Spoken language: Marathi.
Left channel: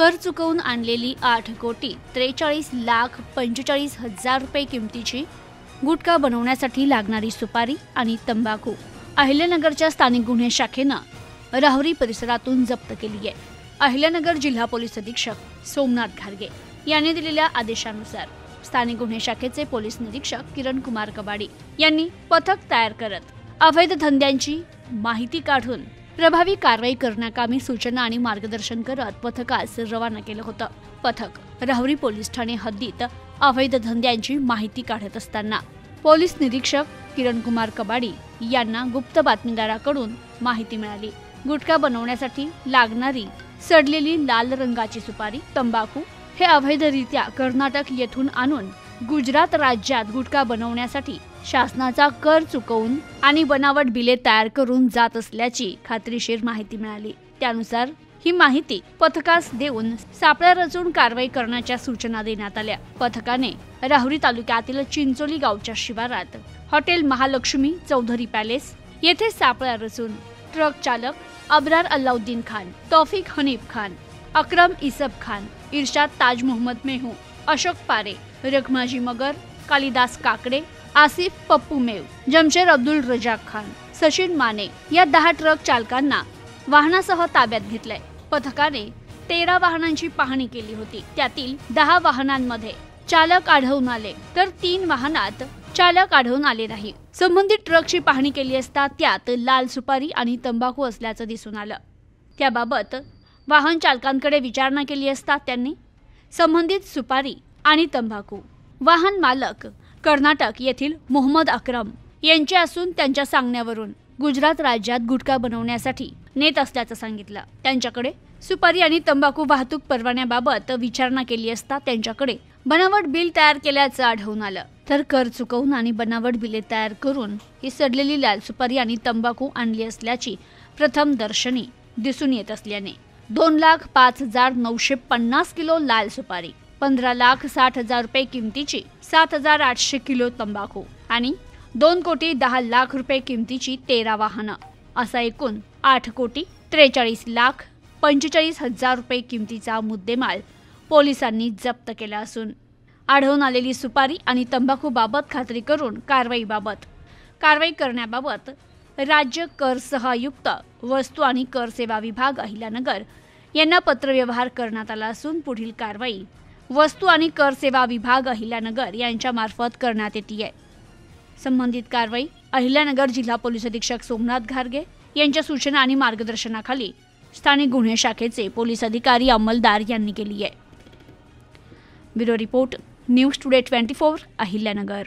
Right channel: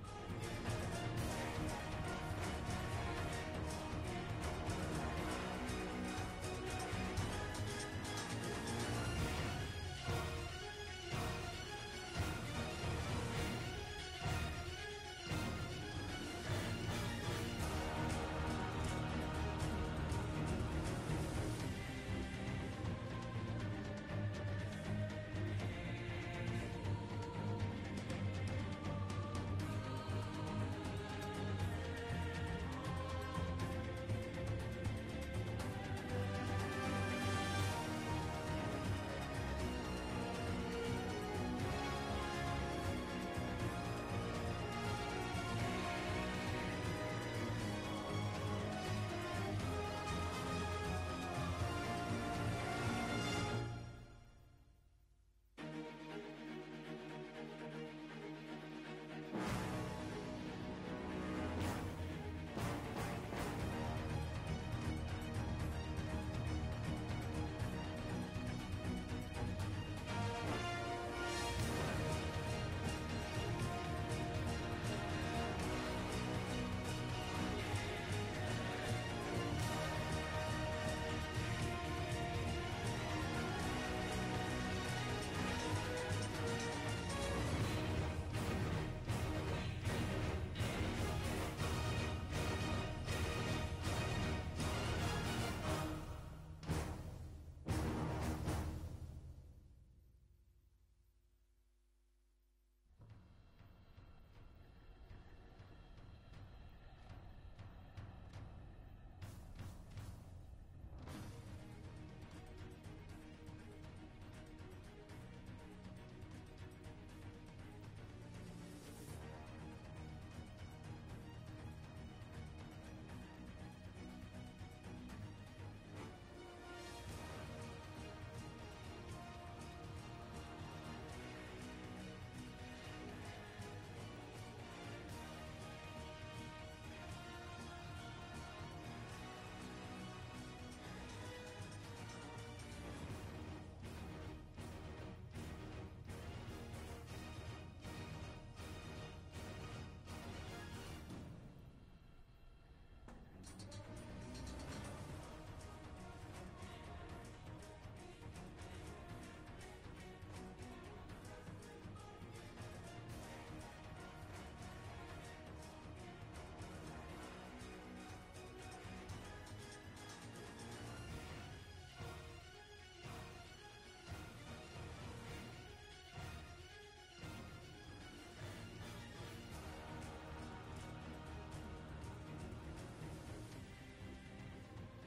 कर चुकवून आणलेली 8,43,45,00,000 रुपये किमतीची गुटखा बनवण्यासाठी लागणारी सुपारी आणि तंबाखू अहिल्यानगरच्या स्थानिक गुन्हे शाखेनं राहुरी परिसरातून जप्त केली आहे। अहिल्यानगर जिल्हा पोलीस अधीक्षक सोमनाथ घारगे यांनी दिलेल्या आदेशानुसार स्थानिक गुन्हे शाखेचे पोलीस निरीक्षक किरण कुमार कबाडी यांनी पथक तयार करत अवैध धंद्यांची माहिती काढून प्रभावी कारवाई करण्याकामी सूचना आणि मार्गदर्शन करत पथकास रवाना केलं होतं। पथक राहुरी पोलीस ठाणे हद्दीत अवैध धंद्यांची माहिती काढत असताना पोलीस निरीक्षक किरण कुमार कबाडी यांना गुप्त बातमीदाराकडून माहिती मिळाली। गुटखा बनवण्यासाठी लागणारी सडलेली लाल रंगाची सुपारी, तंबाखू हे अवैधरित्या कर्नाटक येथून आणून गुजरात राज्यात गुटखा बनवण्यासाठी शासनाचा कर चुकवून आणि बनावट बिले तयार करून जात असल्याची खात्रीशीर माहिती मिळाली। त्यानुसार ही माहिती पथकास देऊन सापळा रचून कारवाई करण्याच्या सूचना देण्यात आल्या। पथकाने राहुरी तालुक्यातील चिंचोली गावच्या शिवारात हॉटेल महालक्ष्मी चौधरी पॅलेस येथे सापळा रचून ट्रक चालक अब्रार अल्लाउद्दीन खान, तौफिक हनीफ खान, अक्रम इसब खान, इर्शाद ताज मोहम्मद मेहू, अशोक पारे, रखमाजी मगर, कालिदास काकडे, आसिफ पप्पू मेव, जमशेद अब्दुल रजाक खान, सचिन माने या 10 ट्रक चालकांना वाहनासह ताब्यात घेतलंय। पथकाने 13 वाहनांची पाहणी केली होती। त्यातील 10 वाहनांमध्ये चालक आढळून आले तर 3 वाहनात चालक आढळून आले नाही। संबंधित ट्रकची पाहणी केली असता त्यात लाल सुपारी आणि तंबाखू असल्याचं दिसून आलं। त्याबाबत वाहन चालकांकडे विचारणा केली असता त्यांनी संबंधित सुपारी आणि तंबाखू वाहन मालक कर्नाटक येथील मोहम्मद अक्रम यांचे असून त्यांच्या सांगण्यावरून गुजरात राज्यात गुटखा बनवण्यासाठी नेत असल्याचं सांगितलं। त्यांच्याकडे सुपारी आणि तंबाखू वाहतूक परवान्याबाबत विचारणा केली असता त्यांच्याकडे बनावट बिल तयार केल्याचं आढळून आलं। तर कर चुकवून आणि बनावट बिले तयार करून ही सडलेली लाल सुपारी आणि तंबाखू आणली असल्याची प्रथम दर्शनी दिसून येत असल्याने 2,05,950 किलो लाल सुपारी, 15,60,000 रुपये किमतीची 7,800 किलो तंबाखू आणि 2,10,00,000 रुपये किमतीची 13 वाहनं असा एकूण 8,43,45,00,000 रुपये किमतीचा मुद्देमाल पोलिसांनी जप्त केला असून आढळून आलेली सुपारी आणि तंबाखू बाबत खात्री करून कारवाई करण्याबाबत राज्य कर सहआयुक्त वस्तू आणि कर सेवा विभाग अहिल्यानगर यांना पत्रव्यवहार करण्यात आला असून पुढील कारवाई वस्तू आणि कर सेवा विभाग अहिल्यानगर यांच्या मार्फत करण्यात येते आहे। संबंधित कारवाई अहिल्यानगर जिल्हा पोलीस अधीक्षक सोमनाथ घारगे यांच्या सूचना आणि मार्गदर्शनाखाली स्थानिक गुन्हे शाखेचे पोलीस अधिकारी अंमलदार यांनी केली आहे। Bureau report news today 24 Ahilyanagar.